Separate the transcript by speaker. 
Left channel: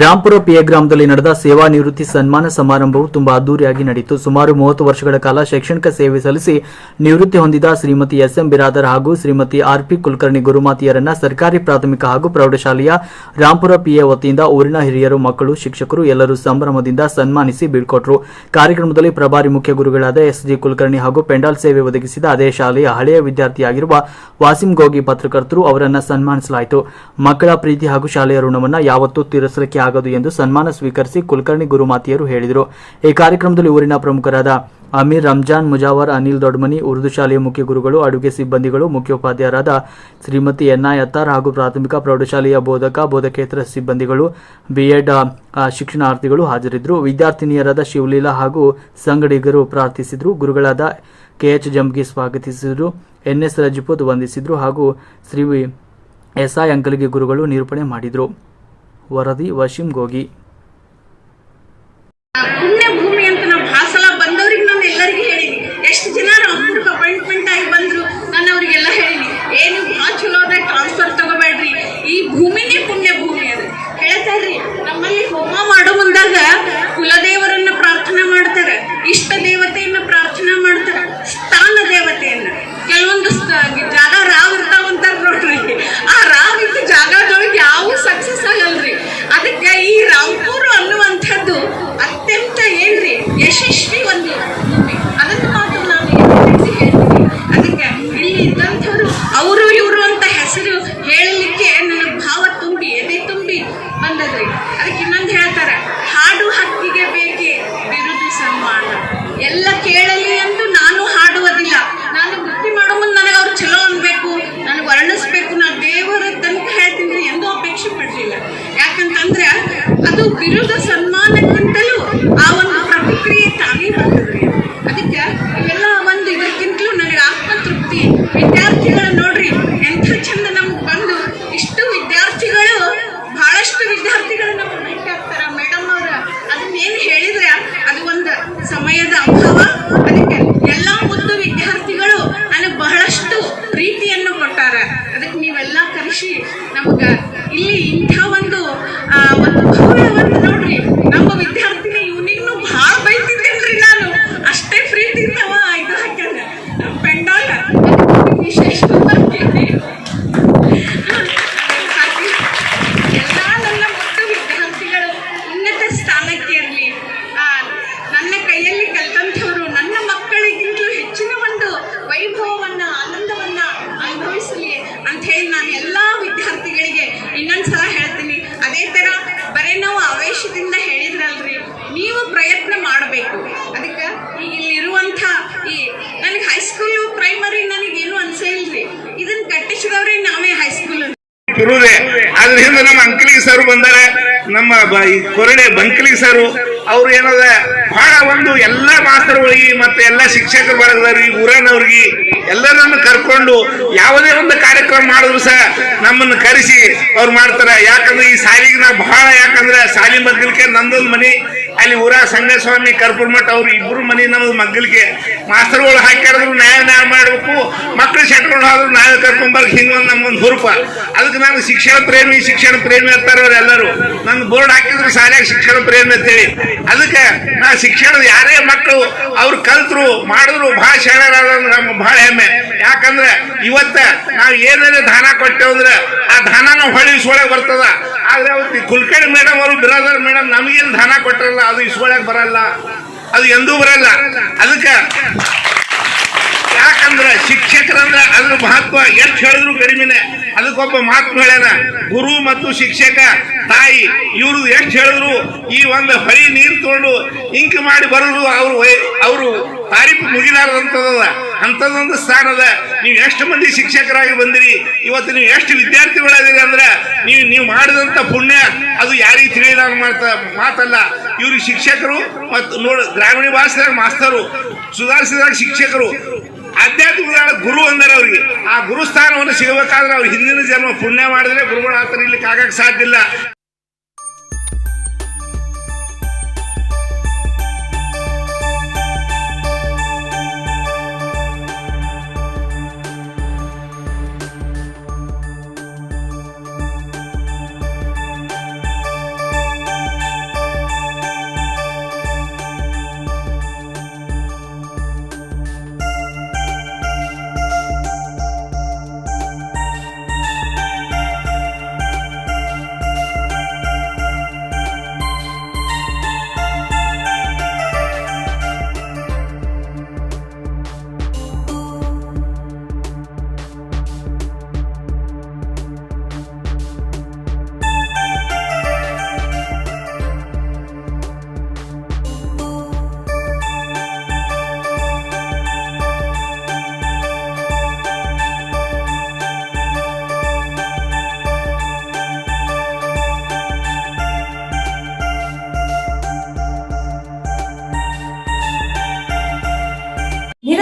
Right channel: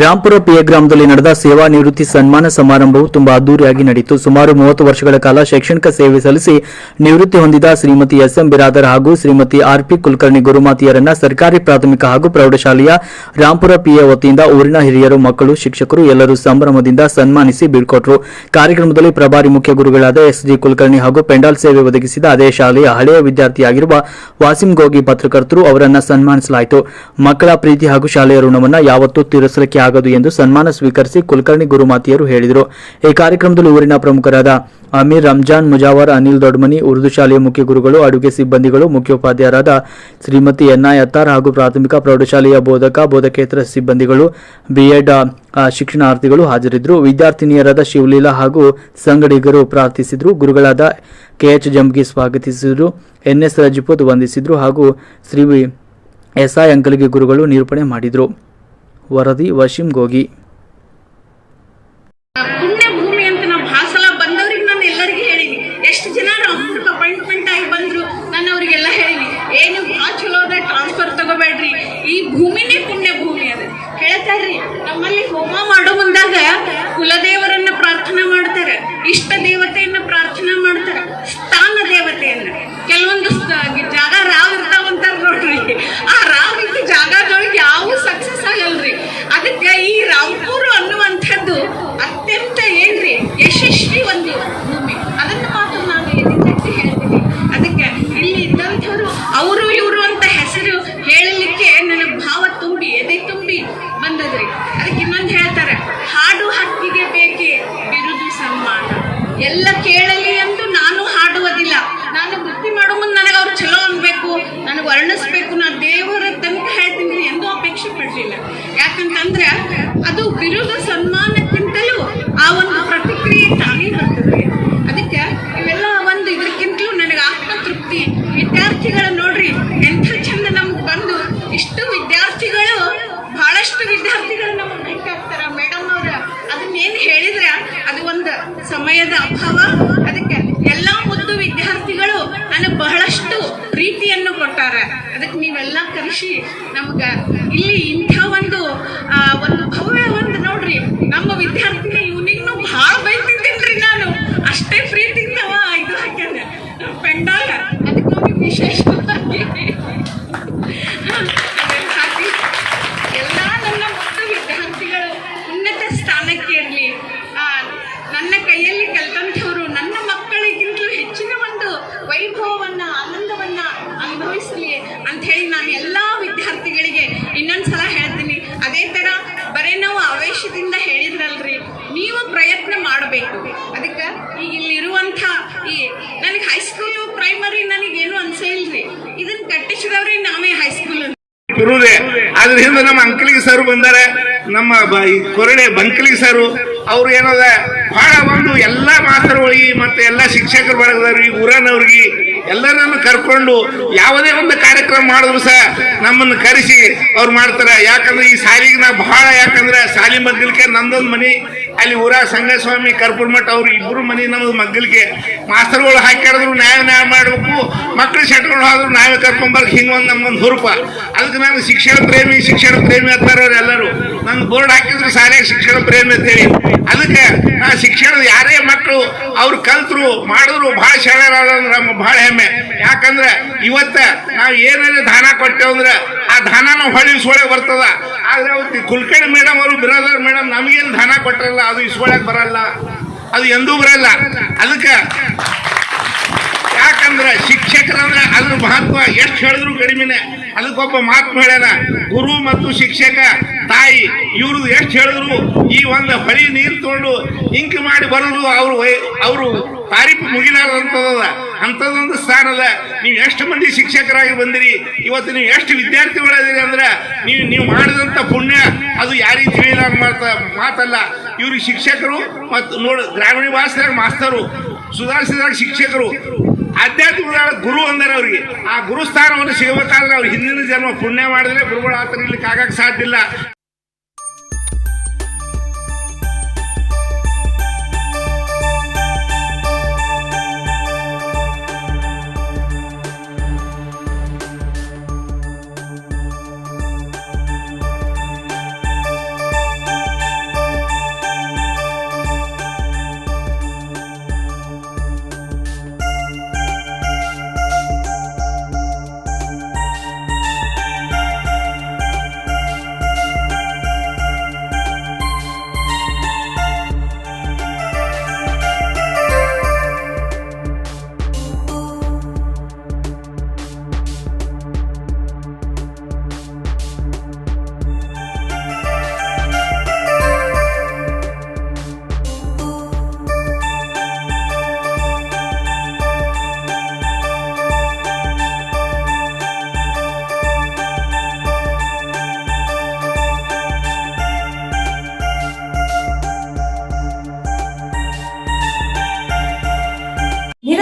Speaker 1: ರಾಂಪುರ ಪಿಯ ಗ್ರಾಮದಲ್ಲಿ ನಡೆದ ಸೇವಾ ನಿವೃತ್ತಿ ಸನ್ಮಾನ ಸಮಾರಂಭವು ತುಂಬಾ ಅದ್ದೂರಿಯಾಗಿ ನಡೆಯಿತು ಸುಮಾರು ಮೂವತ್ತು ವರ್ಷಗಳ ಕಾಲ ಶೈಕ್ಷಣಿಕ ಸೇವೆ ಸಲ್ಲಿಸಿ ನಿವೃತ್ತಿ ಹೊಂದಿದ ಶ್ರೀಮತಿ ಎಸ್ ಎಂ ಬಿರಾದರ್ ಹಾಗೂ ಶ್ರೀಮತಿ ಆರ್ಪಿ ಕುಲಕರ್ಣಿ ಗುರುಮಾತಿಯರನ್ನ ಸರ್ಕಾರಿ ಪ್ರಾಥಮಿಕ ಹಾಗೂ ಪ್ರೌಢಶಾಲೆಯ ರಾಂಪುರ ಪಿಎ ವತಿಯಿಂದ ಊರಿನ ಹಿರಿಯರು, ಮಕ್ಕಳು, ಶಿಕ್ಷಕರು ಎಲ್ಲರೂ ಸಂಭ್ರಮದಿಂದ ಸನ್ಮಾನಿಸಿ ಬೀಳ್ಕೊಟ್ರು. ಕಾರ್ಯಕ್ರಮದಲ್ಲಿ ಪ್ರಭಾರಿ ಮುಖ್ಯ ಗುರುಗಳಾದ ಎಸ್ ಜಿ ಕುಲಕರ್ಣಿ ಹಾಗೂ ಪೆಂಡಾಲ್ ಸೇವೆ ಒದಗಿಸಿದ ಅದೇ ಶಾಲೆಯ ಹಳೆಯ ವಿದ್ಯಾರ್ಥಿಯಾಗಿರುವ ವಾಸಿಂ ಗೋಗಿ ಪತ್ರಕರ್ತರು ಅವರನ್ನ ಸನ್ಮಾನಿಸಲಾಯಿತು. ಮಕ್ಕಳ ಪ್ರೀತಿ ಹಾಗೂ ಶಾಲೆಯ ಋಣವನ್ನು ಯಾವತ್ತೂ ತೀರಿಸಲಿಕ್ಕೆ ಆಗದು ಎಂದು ಸನ್ಮಾನ ಸ್ವೀಕರಿಸಿ ಕುಲಕರ್ಣಿ ಗುರುಮಾತಿಯರು ಹೇಳಿದರು. ಈ ಕಾರ್ಯಕ್ರಮದಲ್ಲಿ ಊರಿನ ಪ್ರಮುಖರಾದ ಅಮೀರ್ ರಂಜಾನ್, ಮುಜಾವರ್, ಅನಿಲ್ ದೊಡ್ಮನಿ, ಉರ್ದು ಶಾಲೆಯ ಮುಖ್ಯ ಗುರುಗಳು, ಅಡುಗೆ ಸಿಬ್ಬಂದಿಗಳು, ಮುಖ್ಯೋಪಾಧ್ಯಾಯರಾದ ಶ್ರೀಮತಿ ಎನ್ಐ ಅತ್ತಾರ್ ಹಾಗೂ ಪ್ರಾಥಮಿಕ ಪ್ರೌಢಶಾಲೆಯ ಬೋಧಕ, ಬೋಧಕೇತರ ಸಿಬ್ಬಂದಿಗಳು ಬಿಎಡ್ ಶಿಕ್ಷಣಾರ್ಥಿಗಳು ಹಾಜರಿದ್ದರು. ವಿದ್ಯಾರ್ಥಿನಿಯರಾದ ಶಿವಲೀಲಾ ಹಾಗೂ ಸಂಗಡಿಗರು ಪ್ರಾರ್ಥಿಸಿದರು. ಗುರುಗಳಾದ ಕೆಎಚ್ ಜಂಗಿ ಸ್ವಾಗತಿಸಿದರು. ಎನ್ಎಸ್ ರಜಪೂತ್ ವಂದಿಸಿದರು ಹಾಗೂ ಶ್ರೀ ಎಸ್ಐ ಅಂಕಲಿಗೆ ಗುರುಗಳು ನಿರೂಪಣೆ ಮಾಡಿದರು. ವರದಿ ಗೋಗಿ
Speaker 2: ಅತ್ಯಂತ ಏನ್ರಿ ಯಶಸ್ವಿ ಒಂದು ಭೂಮಿ. ಅದನ್ನು ಮಾತ್ರ ನಾವು ಎತ್ತಿ ಹೇಳ್ತೀವಿ. ಅದಕ್ಕೆ ಇಲ್ಲಿ ಇದ್ದಂಥವ್ರು ಅವರು ಇವರು ಅಂತ ಹೆಸರು ಹೇಳಲಿಕ್ಕೆ ನನಗೆ ಭಾವ ತುಂಬಿ, ಎದೆ ತುಂಬಿ ಬಂದದ್ರಿ. ಅದಕ್ಕೆ ಇನ್ನೊಂದು ಹೇಳ್ತಾರೆ, ಹಾಡು ಹಕ್ಕಿಗೆ ಬೇಕೇ ಬಿರುದು ಸನ್ಮಾನ. ಎಲ್ಲ ಕೇಳಲಿ ಎಂದು ನಾನು ಹಾಡುವುದಿಲ್ಲ. ನಾನು ವೃತ್ತಿ ಮಾಡೋ ಮುಂದೆ ನನಗೆ ಅವ್ರು ಚಲೋ ಅನ್ಬೇಕು, ನನಗೆ ವರ್ಣಿಸ್ಬೇಕು ನಾ ದೇವರ ತನಕ ಹೇಳ್ತೀನಿ ಎಂದೂ ಅಪೇಕ್ಷೆ ಪಡಲಿಲ್ಲ. ಯಾಕಂತಂದ್ರೆ ಅದು ಬಿರುದ ಸನ್ಮಾನಕ್ಕಿಂತಲೂ ಆ ಒಂದು ಪ್ರತಿಕ್ರಿಯೆ ತಾನೇ ಬರ್ತದೆ ಅದಕ್ಕೆ ಇವೆಲ್ಲ ಒಂದು ಇದಕ್ಕಿಂತಲೂ ನನಗೆ ಆತ್ಮತೃಪ್ತಿ ವಿದ್ಯಾರ್ಥಿಗಳು ನೋಡ್ರಿ ಎಂಥ ಚಂದ ನಮ್ಗೆ ಬಂದು ಇಷ್ಟು ವಿದ್ಯಾರ್ಥಿಗಳು ಬಹಳಷ್ಟು ವಿದ್ಯಾರ್ಥಿಗಳು ನಮಗೆ ಭೇಟಿ ಆಗ್ತಾರ ಮೇಡಮ್ ಅವ್ರ ಅದನ್ನೇನು ಹೇಳಿದ್ರೆ ಅದು ಒಂದು ಸಮಯದ ಅಭಾವ. ಅದಕ್ಕೆ ಎಲ್ಲ ಮುದ್ದು ವಿದ್ಯಾರ್ಥಿಗಳು ನನಗೆ ಬಹಳಷ್ಟು ಪ್ರೀತಿಯನ್ನು ಕೊಟ್ಟಾರೆ ಅದಕ್ಕೆ ನೀವೆಲ್ಲ ಕರೆಸಿ ನಮ್ಗ ಇಲ್ಲಿ ಇಂಥ ಒಂದು ಆ, ಒಂದು ಭವ್ಯ ಒಂದು ನೋಡ್ರಿ ನಮ್ಮ ವಿದ್ಯಾರ್ಥಿನಿ ಇವನಿಗೂ ಭಾಳ ಬೈತಿದ್ದೇನ್ರಿ ನಾನು ಅಷ್ಟೇ ಪ್ರೀತಿ ಇದ್ದವ ಇದು ಹಾಕ್ಯಾನ ಪೆಂಡಾಲ ಅದಕ್ಕೆ ವಿಶೇಷವಾಗಿ ಹಾಕಿ ಎಲ್ಲ ನನ್ನ ಮುದ್ದು ವಿದ್ಯಾರ್ಥಿಗಳು ಉನ್ನತ ಸ್ಥಾನಕ್ಕೆ ಇರಲಿ ನನ್ನ ಕೈಯಲ್ಲಿ ಕಲ್ತಂಥವ್ರು ನನ್ನ ಮಕ್ಕಳಿಗಿಂತಲೂ ಹೆಚ್ಚಿನ ಒಂದು ವೈಭವವನ್ನ ಆನಂದವನ್ನ ಅನುಭವಿಸಲಿ ಅಂತ ಹೇಳಿ ನಾನು ಎಲ್ಲ ವಿದ್ಯಾರ್ಥಿಗಳಿಗೆ ಇನ್ನೊಂದ್ಸಲ ಹೇಳ್ತೀನಿ ಅದೇ ಥರ ಬರೀ ನಾವು ಆವೇಶದಿಂದ ಹೇಳಿದ್ರಲ್ರಿ ನೀವು ಪ್ರಯತ್ನ ಮಾಡಬೇಕು ಅದಕ್ಕೆ ಈಗ ಇಲ್ಲಿರುವಂಥ ಈ ನನಗೆ ಹೈಸ್ಕೂಲ್ ಪ್ರೈಮರಿ ನನಗೇನು ಅನ್ಸೇ ಇಲ್ರಿ. ಇದನ್ನ ಕಟ್ಟಿಸಿದವ್ರೆ ನಾವೇ ಹೈಸ್ಕೂಲ್
Speaker 3: ಅದ್ರಿಂದ ನಮ್ಮ ಅಂಕಲಿಗೆ ಸರ್ ಬಂದಾರ. ನಮ್ಮ ಕೊರಳೆ ಬಂಕಲಿಗೆ ಸರ್ ಅವ್ರು ಏನದ ಬಹಳ ಒಂದು ಎಲ್ಲಾ ಮಾಸ್ತರ್ಗಳಿಗೆ ಮತ್ತೆ ಎಲ್ಲಾ ಶಿಕ್ಷಕರ ವರ್ಗದವ್ರಿಗೆ, ಊರನವ್ರಿಗೆ ಎಲ್ಲರನ್ನು ಕರ್ಕೊಂಡು ಯಾವುದೇ ಒಂದು ಕಾರ್ಯಕ್ರಮ ಮಾಡಿದ್ರು ಸಹ ನಮ್ಮನ್ನು ಕರೆಸಿ ಅವ್ರು ಮಾಡ್ತಾರೆ. ಯಾಕಂದ್ರೆ ಈ ಸಾಲಿಗೆ ನಾ ಬಹಳ ಯಾಕಂದ್ರೆ ಸಾಲಿ ಮಗ್ಗಲಿಕ್ಕೆ ನಂದೊಂದು ಮನಿ. ಅಲ್ಲಿ ಊರ ಸಂಗಸ್ವಾಮಿ, ಕರ್ಪೂರ್ ಮಠ, ಅವ್ರು ಇಬ್ರು ಮನೆ ನಮ್ದು ಮಗ್ಗಲಿಗೆ ಮಾಸ್ತರ್ಗಳು ಹಾಕಿದ್ರು ನ್ಯಾಯ ನ್ಯಾಯ ಮಾಡಬೇಕು. ಮಕ್ಕಳು ಶೆಟ್ಕೊಂಡು ಹೋದ್ರು ನಾವೇ ಕರ್ಕೊಂಬರ್ಕ್ ಒಂದು ನಮ್ಗೊಂದು ಹುರುಪ. ಅದಕ್ಕೆ ನಾನು ಶಿಕ್ಷಣ ಪ್ರೇಮಿ ಶಿಕ್ಷಣ ಪ್ರೇಮಿ ಅಂತಾರೆ ಅವ್ರು ಎಲ್ಲರೂ. ನನ್ನ ಬೋರ್ಡ್ ಹಾಕಿದ್ರು ಸಾಲಿಯಾಗ ಶಿಕ್ಷಣ ಪ್ರೇಮಿ ಅಂತ ಹೇಳಿ. ಅದಕ್ಕೆ ನಾ ಶಿಕ್ಷಣ ಯಾರೇ ಮಕ್ಕಳು ಅವ್ರು ಕಲ್ತರು, ಮಾಡಿದ್ರು, ಭಾಳ ಶಾಣರಾದ ನಮ್ಗೆ ಭಾಳ ಹೆಮ್ಮೆ. ಯಾಕಂದ್ರೆ ಇವತ್ತ ನಾವು ಏನೇನೇ ದಾನ ಕೊಟ್ಟೇವು ಅಂದ್ರೆ ಆ ದಾನ ಹೊಳ್ಳಿ ಇಸ್ಕೊಳಕ್ ಬರ್ತದ. ಆದ್ರೆ ಅವತ್ತು ಕುಲ್ಕರ್ಣಿ ಮೇಡಮ್ ಅವರು ಬಿರಾದರ್ ಮೇಡಮ್ ನಮಗೇನು ದಾನ ಕೊಟ್ಟರಲ್ಲ ಅದು ಇಸ್ಕೊಳಕ್ ಬರಲ್ಲ, ಅದು ಎಂದೂ ಬರಲ್ಲ. ಅದಕ್ಕೆ ಯಾಕಂದ್ರೆ ಶಿಕ್ಷಕರಂದ್ರೆ ಅದ್ರ ಮಹತ್ವ ಎಷ್ಟು ಹೇಳಿದ್ರು ಕಡಿಮೆನೆ. ಅದಕ್ಕೊಬ್ಬ ಮಾತು ಹೇಳ್ಯಾನ ಗುರು ಮತ್ತು ಶಿಕ್ಷಕ, ತಾಯಿ, ಇವರು ಎಷ್ಟು ಹೇಳಿದ್ರು ಈ ಒಂದು ಹೊಳಿ ನೀರು ತಗೊಂಡು ಇಂಕ್ ಮಾಡಿ ಬರಲು ಅವರು ಅವರು ತಾರೀಫ್ ಮುಗಿಲಾರದಂಥದ್ದಲ್ಲ. ಅಂಥದ್ದೊಂದು ಸ್ಥಾನ ಅದ ನೀವು ಎಷ್ಟು ಮಂದಿ ಶಿಕ್ಷಕರಾಗಿ ಬಂದಿರಿ? ಇವತ್ತು ನೀವು ಎಷ್ಟು ವಿದ್ಯಾರ್ಥಿಗಳಾದಿರಿ ಅಂದ್ರೆ ನೀವು ನೀವು ಮಾಡಿದಂಥ ಪುಣ್ಯ, ಅದು ಯಾರಿಗೆ ಮಾತ ಮಾತಲ್ಲ. ಇವರು ಶಿಕ್ಷಕರು ಮತ್ತು ನೋಡ ಗ್ರಾಮೀಣ ಭಾಷೆದಾಗ ಮಾಸ್ತರು, ಸುಧಾರಿಸಿದಾಗ ಶಿಕ್ಷಕರು. ಆಧ್ಯಾತ್ಮಿಕ ಗುರು ಅಂದರೆ ಅವ್ರಿಗೆ. ಆ ಗುರು ಸ್ಥಾನವನ್ನು ಸಿಗಬೇಕಾದ್ರೆ ಅವ್ರು ಹಿಂದಿನ ಜನ್ಮ ಪುಣ್ಯ ಮಾಡಿದ್ರೆ ಗುರುಗಳು ಆತರ ಇಲ್ಲಿ ಕಾಗಕ್ಕೆ ಸಾಧ್ಯ ಇಲ್ಲ.